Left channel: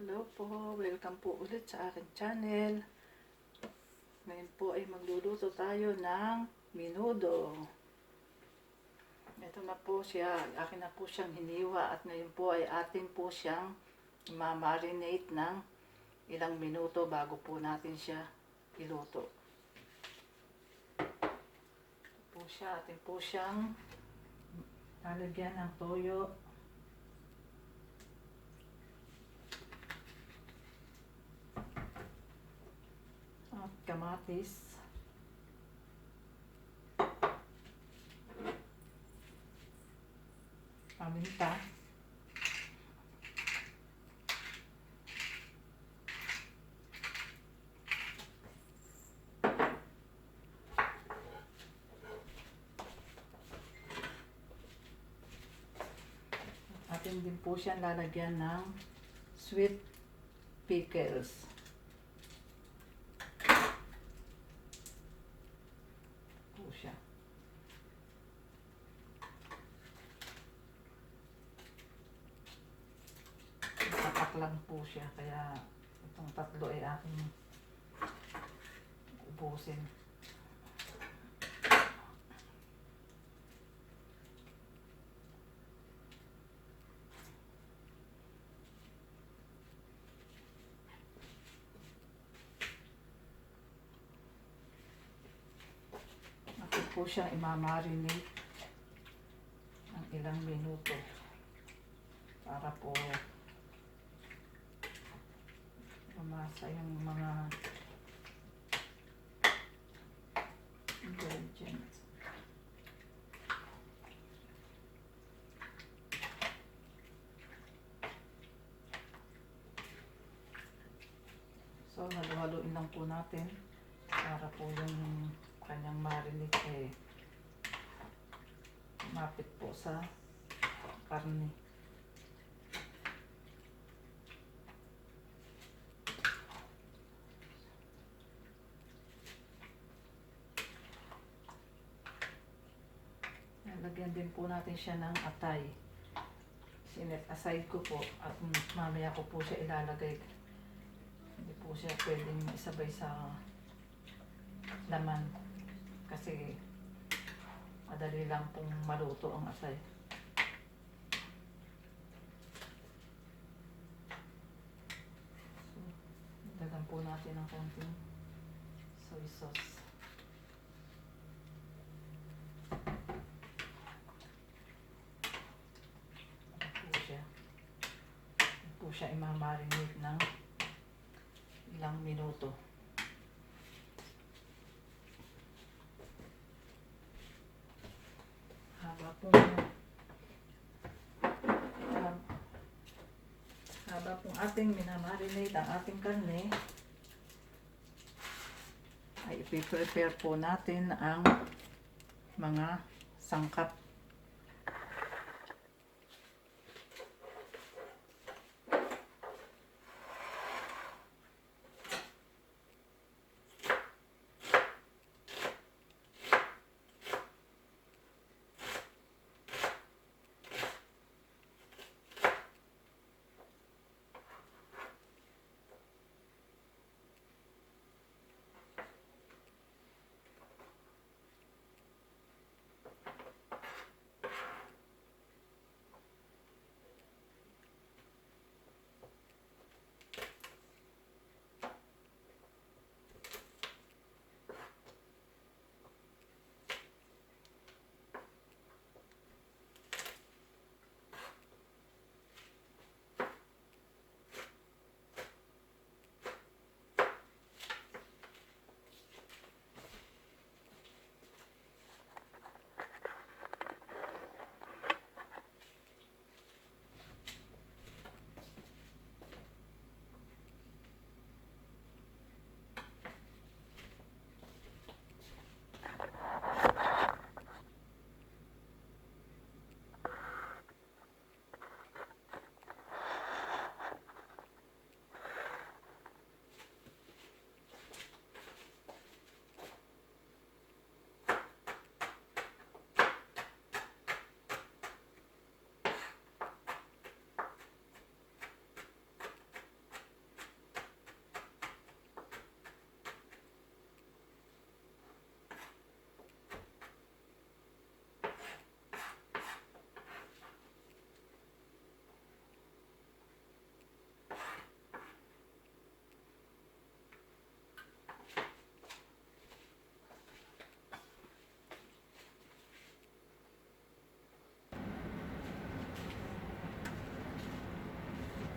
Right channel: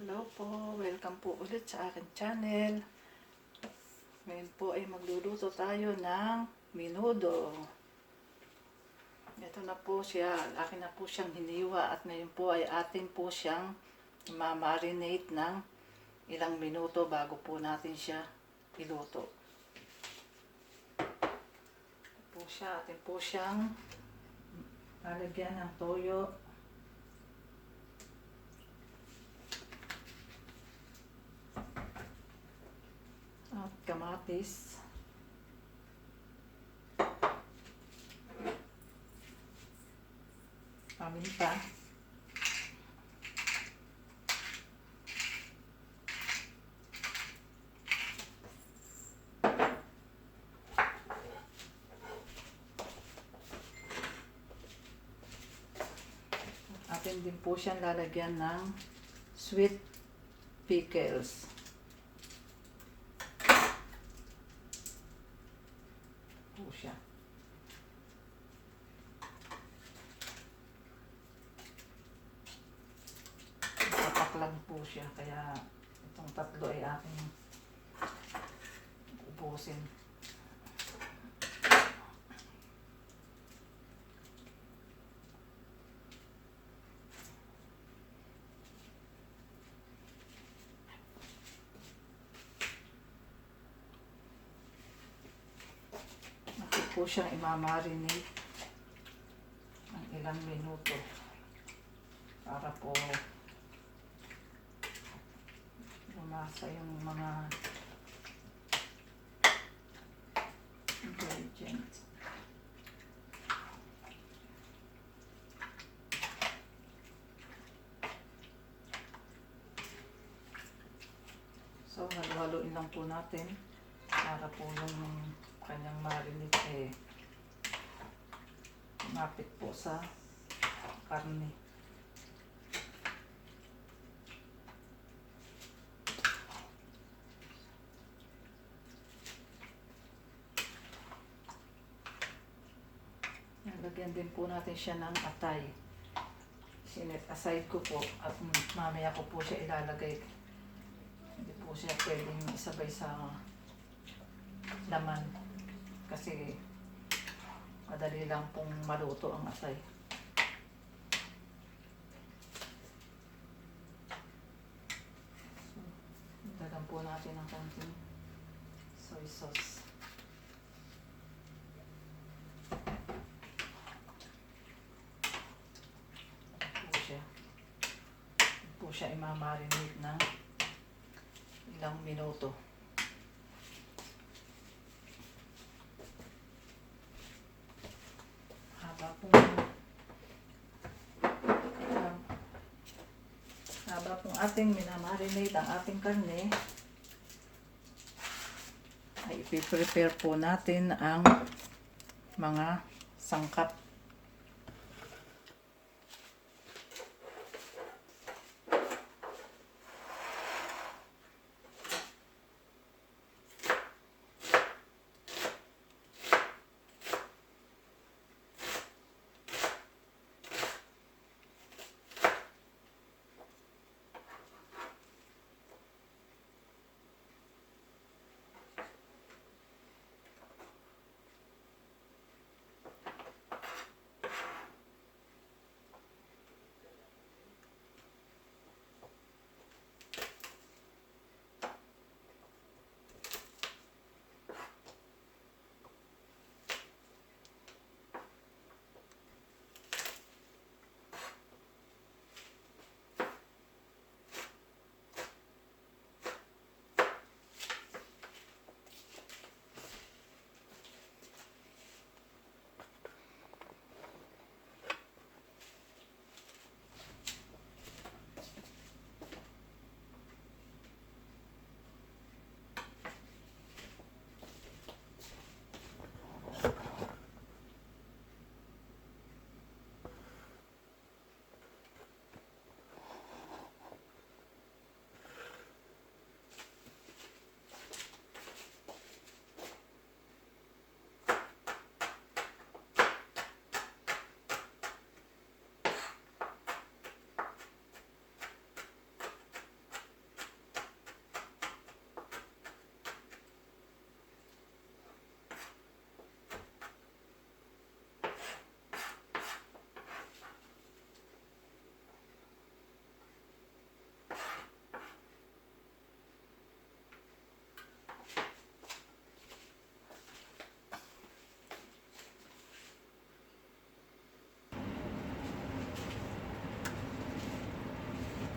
Hello po, welcome po ulit sa akin channel. Ngayon po ay magluluto tayo ng menudo. Ito na po siya, akin na po siyang hiniwa at ngayon po ay atin po siyang ma-marinate ng ilang minuto bago po natin siya iluto. Ito po siya, atin po siyang lalagyan ng toyo. At kamatis. Paminta. Atin din po siyang lalagyan ng sweet pickles. Po siya. Tatak lang po siya, kaya itong tatlo ay aking ubusin. Bakit po siyang imamarinate ng ilang minuto para po lumasa yung mga ingredients. So, halu-haluin lang po natin para po yung kanyang marinate mapit po sa karne. Lagyan din po natin siya ng atay. Sinet aside ko po at mamaya ko po siya ilalagay. Hindi po siya pwedeng isabay sa laman kasi madali lang pong maluto ang atay. So, lagyan po natin ng konting soy sauce. Po siya imamarinate ng ilang minuto. Haba pong ating minamarinate ang ating karne, ay ipiprepare po natin ang mga sangkap.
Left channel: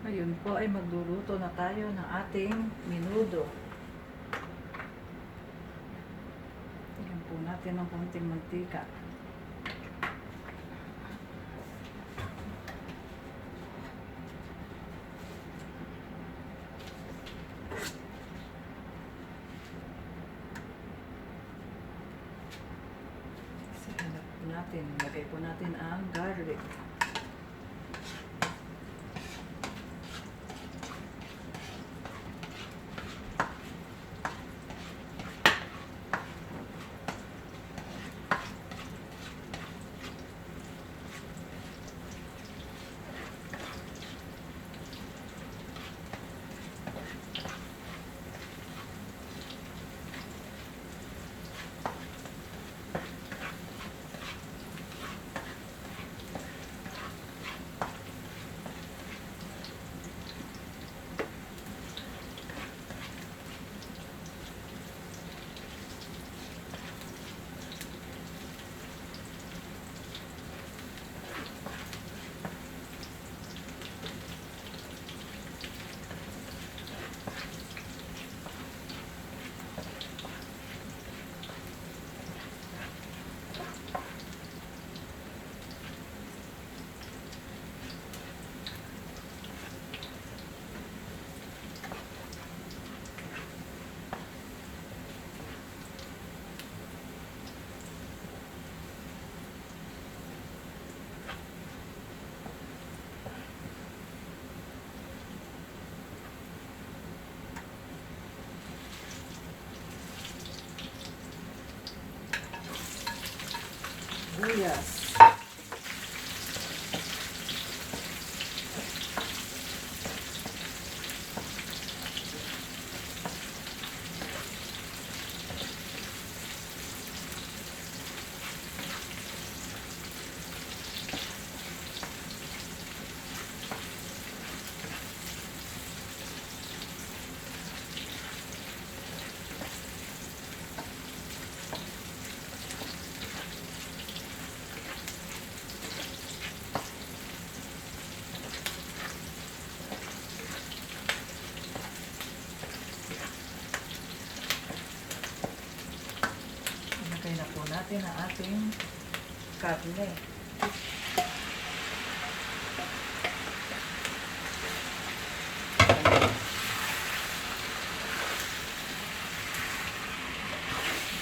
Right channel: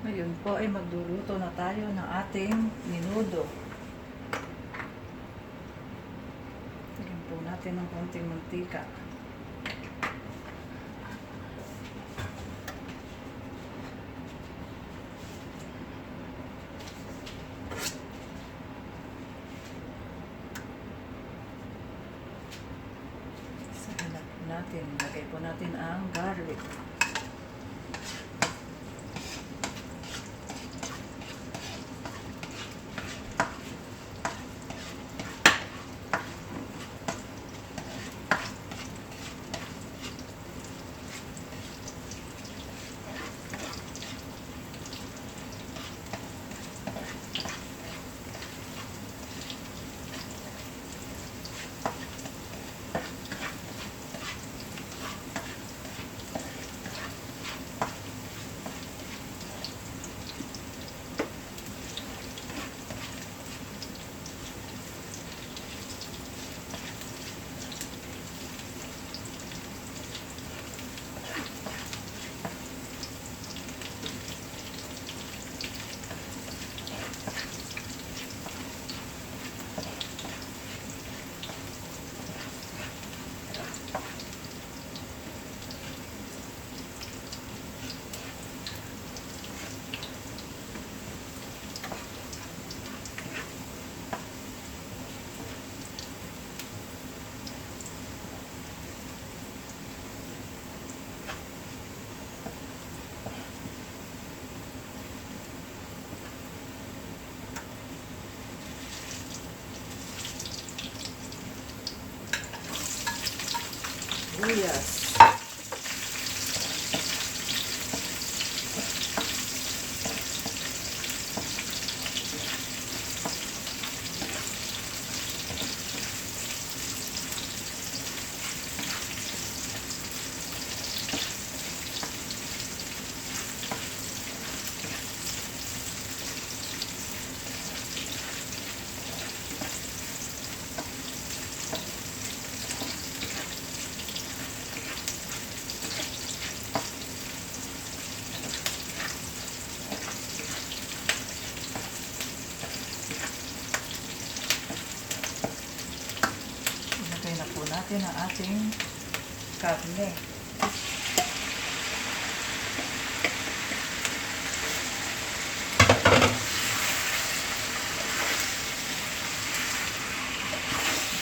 Ngayon po ay magluluto na tayo ng ating menudo. Lagyan po natin ng konting mantika. Sahanap po natin. Lagay po natin ang garlic. Sibuyas. Ilagay na po natin ang ating karne.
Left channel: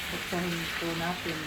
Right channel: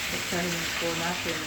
Pagkain po natin.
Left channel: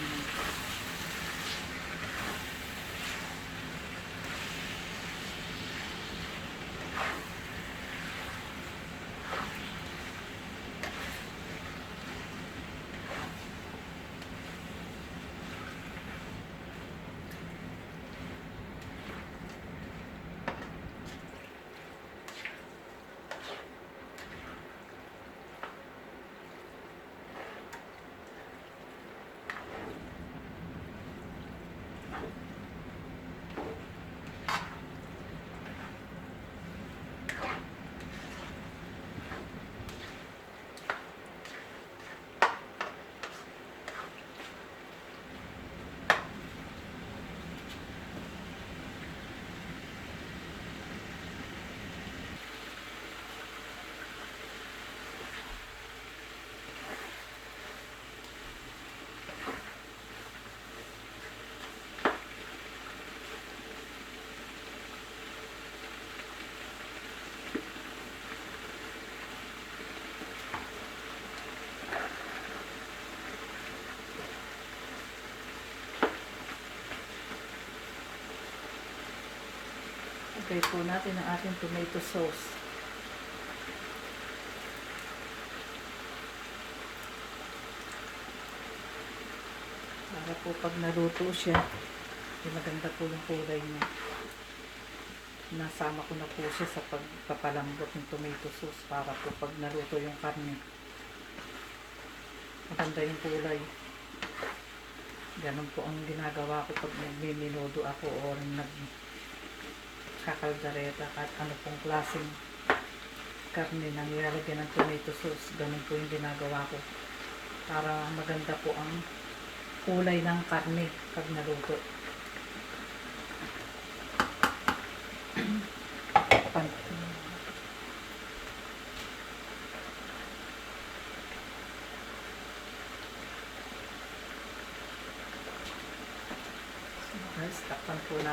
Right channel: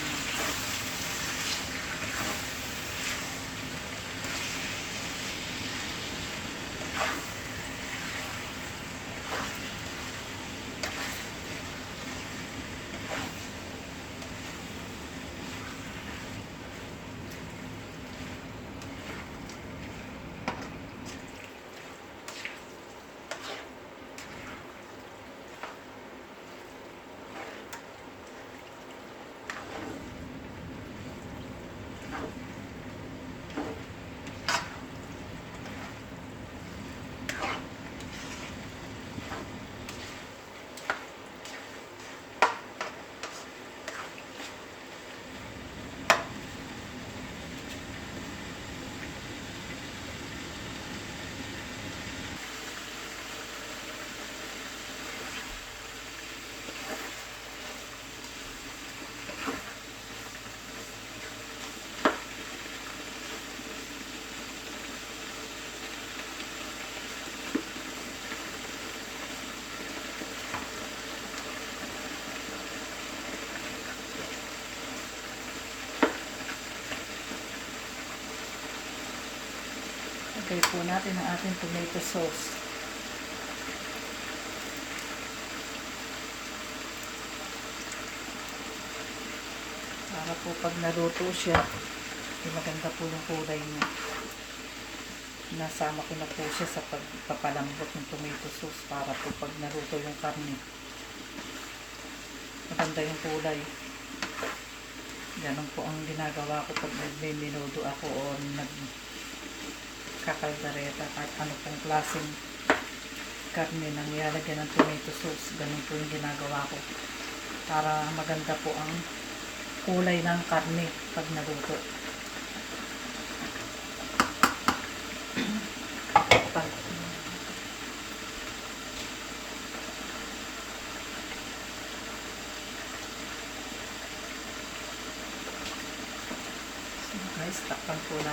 Lagay po natin ang ating tomato sauce. Para po pag naluto siya, maganda po yung kulay niya. Nasama ko na po siya sa pagpapalambot ng tomato sauce para po pag naluto yung karne, maganda yung kulay. Ganun po ang ginagawa ko pag nagmiminudo ako o nagkakaldareta kahit ano pong klaseng karne na nilalagyan ng tomato sauce. Ganun po yung ginagawa ko para maganda po ang kulay ng karne pag naluto.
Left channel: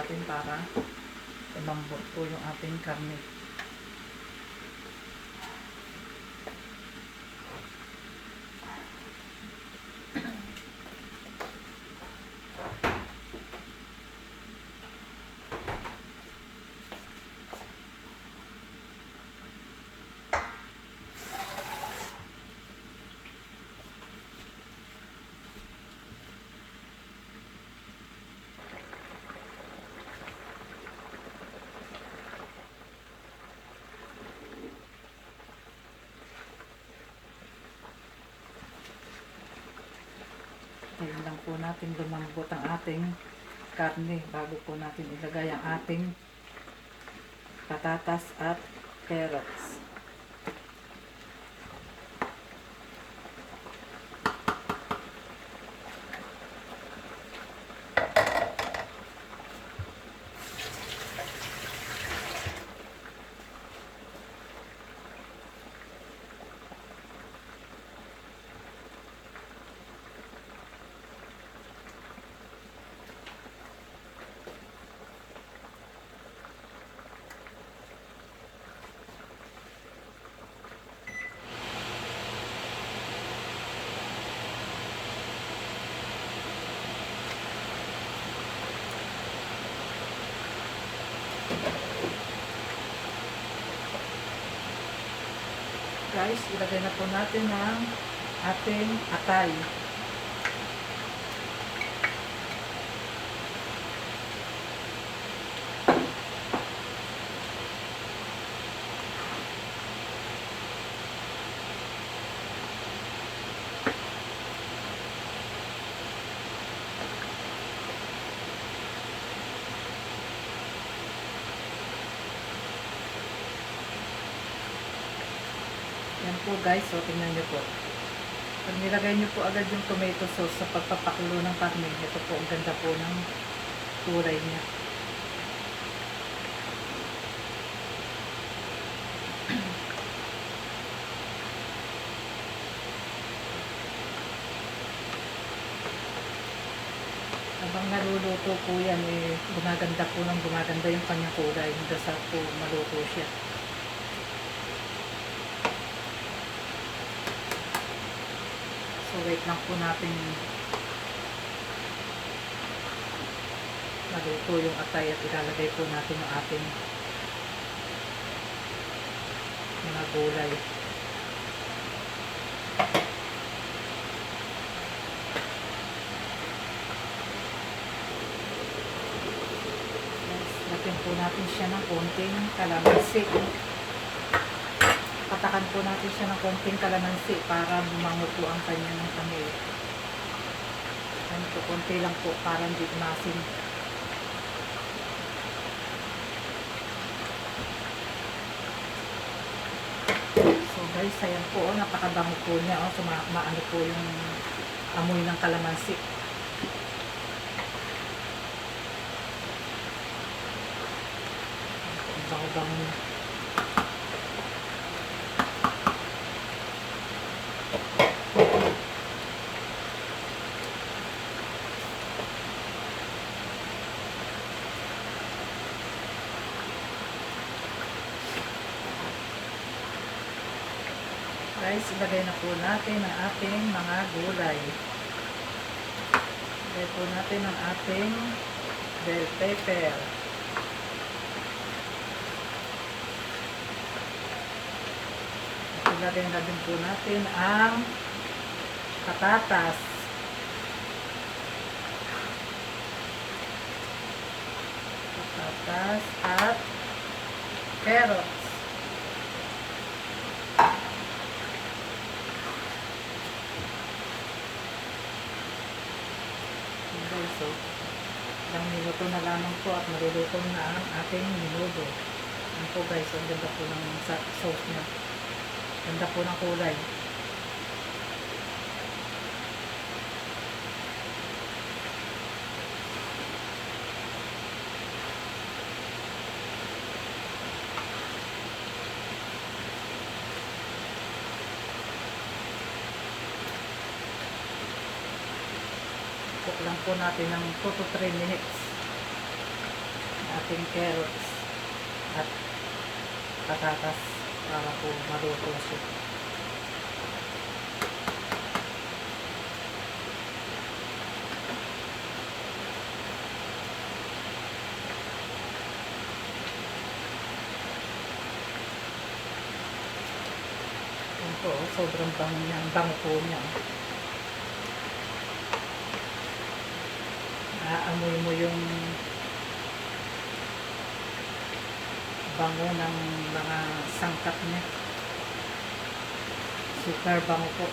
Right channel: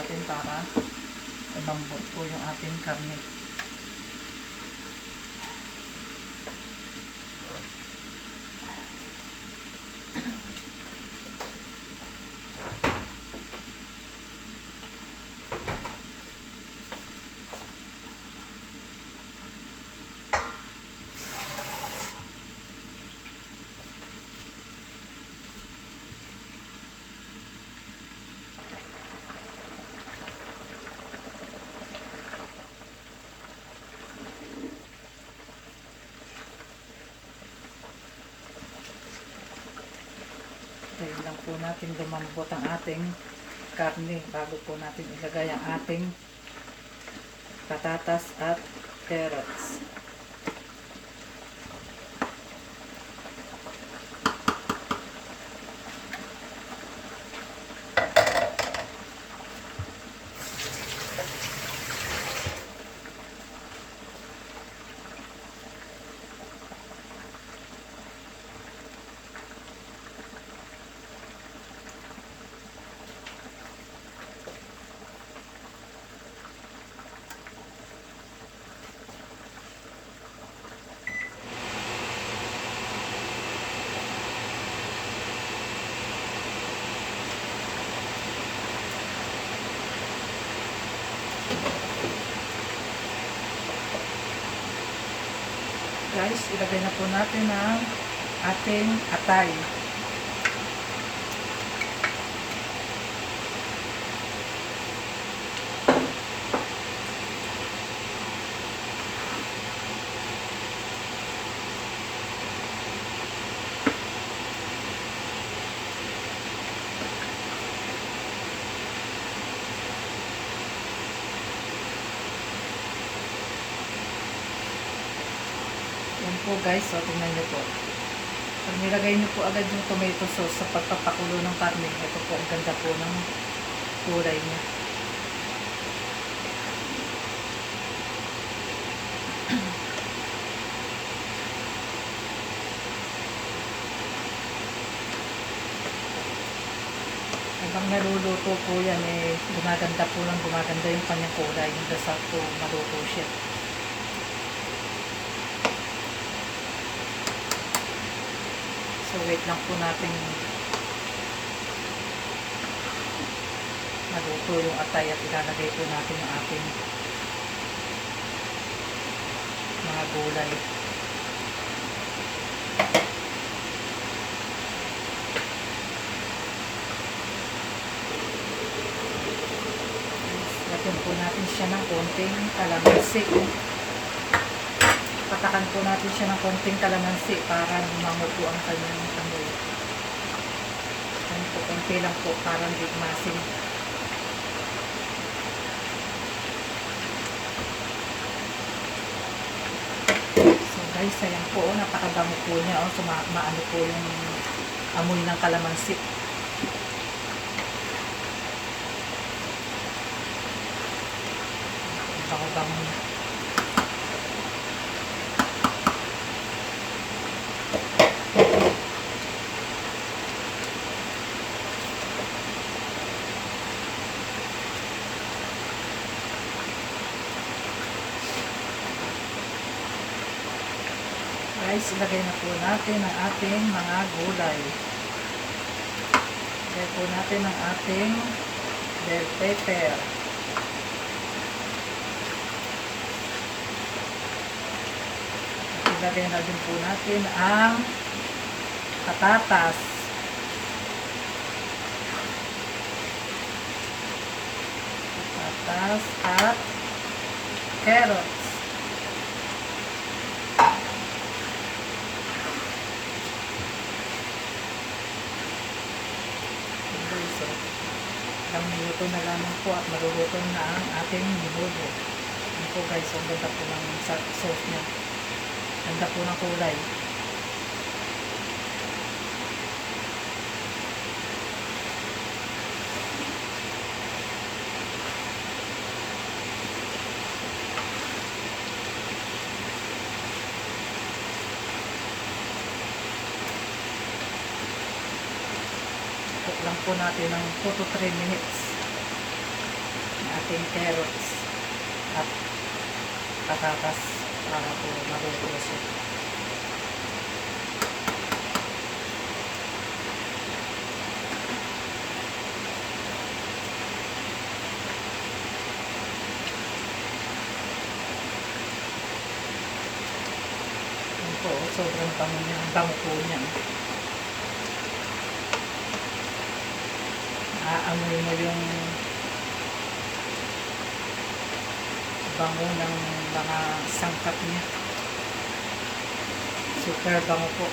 natin para lumambot po yung ating karne. Tingnan lang po natin lumambot ang ating karne bago po natin ilagay ang ating patatas at carrots. Guys, ilagay na po natin ang ating atay. Yan po guys, so tingnan nyo po. Pag nilagay nyo po agad yung tomato sauce sa pagpapakulo ng karne, ito po ang ganda po ng kulay nyo. Habang naluluto po yan, gumaganda po ng gumaganda yung kanyang kulay. Basta po maluto siya. So wait lang po natin maluto yung atay at ilalagay po natin ang ating mga gulay. Lagyan po natin siya ng konting kalamansi. Patakan po natin siya ng konting kalamansi para lumango po ang kanyang amoy. Konti lang po para hindi masin. So guys, ayan po, napakadami po niya. So maano po yung amoy ng kalamansi. Bang-bang niya. Guys, ilagay na po natin ang ating mga gulay. Ilagay po natin ang ating bell pepper. At ilagay na din po natin ang patatas. Patatas at carrots. Ito na lamang po at maruluto na ang ating niluto. Ano po guys, ang ganda po ng sauce niya. Ganda po ng kulay. Cook lang po natin ng 2 to 3 minutes. ating carrots at patatas para po maluto siya. Yun po, sobrang bango po niya. Amoy mo yung bango ng mga sangkap niya. Super bango po.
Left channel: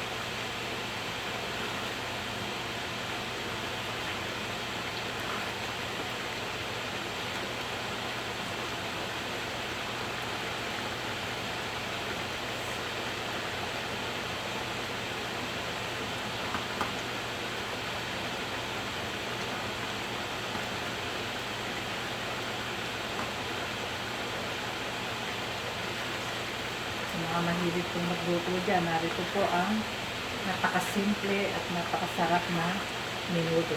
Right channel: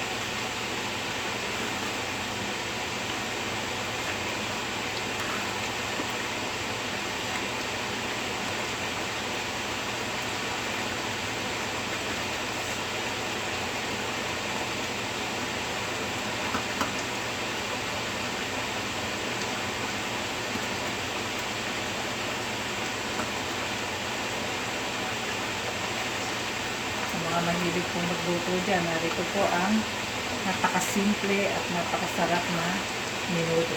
Mga mahilig pong nagluto dyan, narito po ang napakasimple at napakasarap na menudo.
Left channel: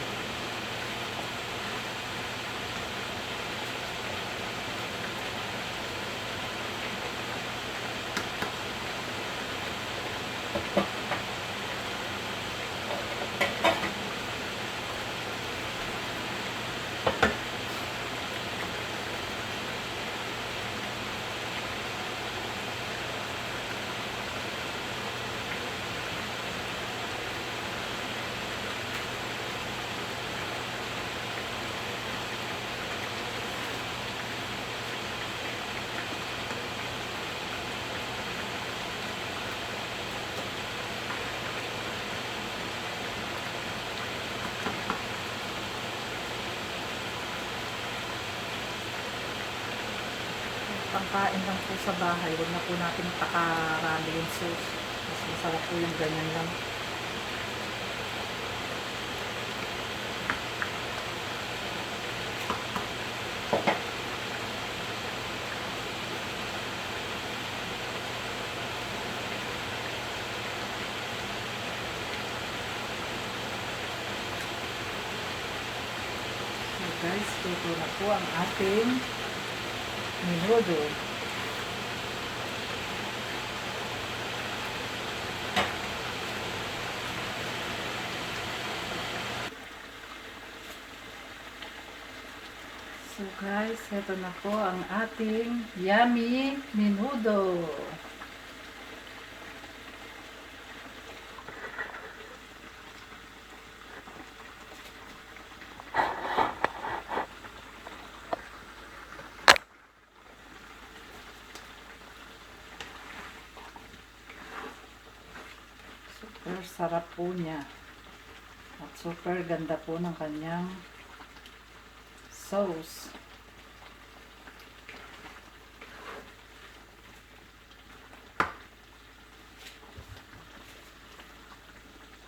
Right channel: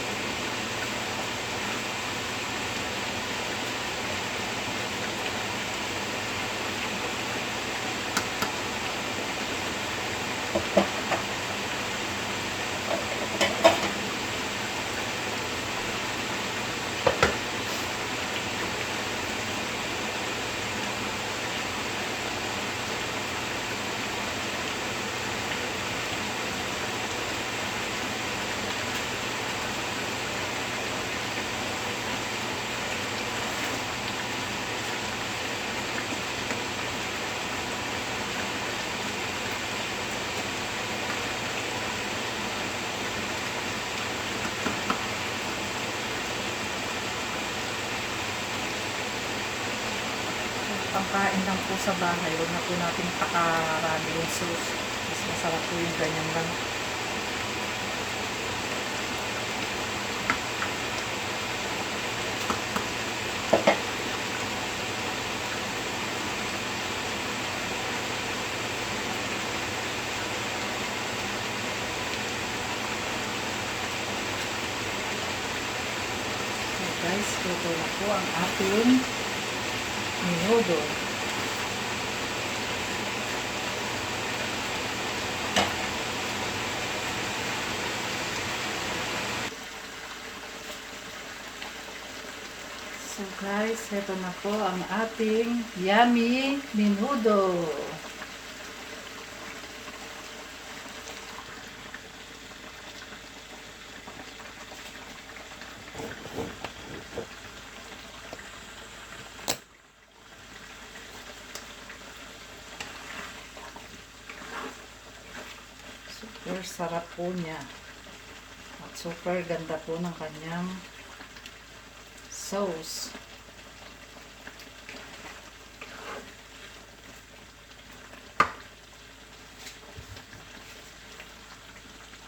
Pangkain lang po sa bahay, huwag na po natin pakarami yung sauce. Mas masarap po yung ganyan lang. Okay guys, ito na po ang ating menudo. So guys, ito na po ang ating yummy menudo. Super sarap po niya. At super ganda po ng kanyang sauce.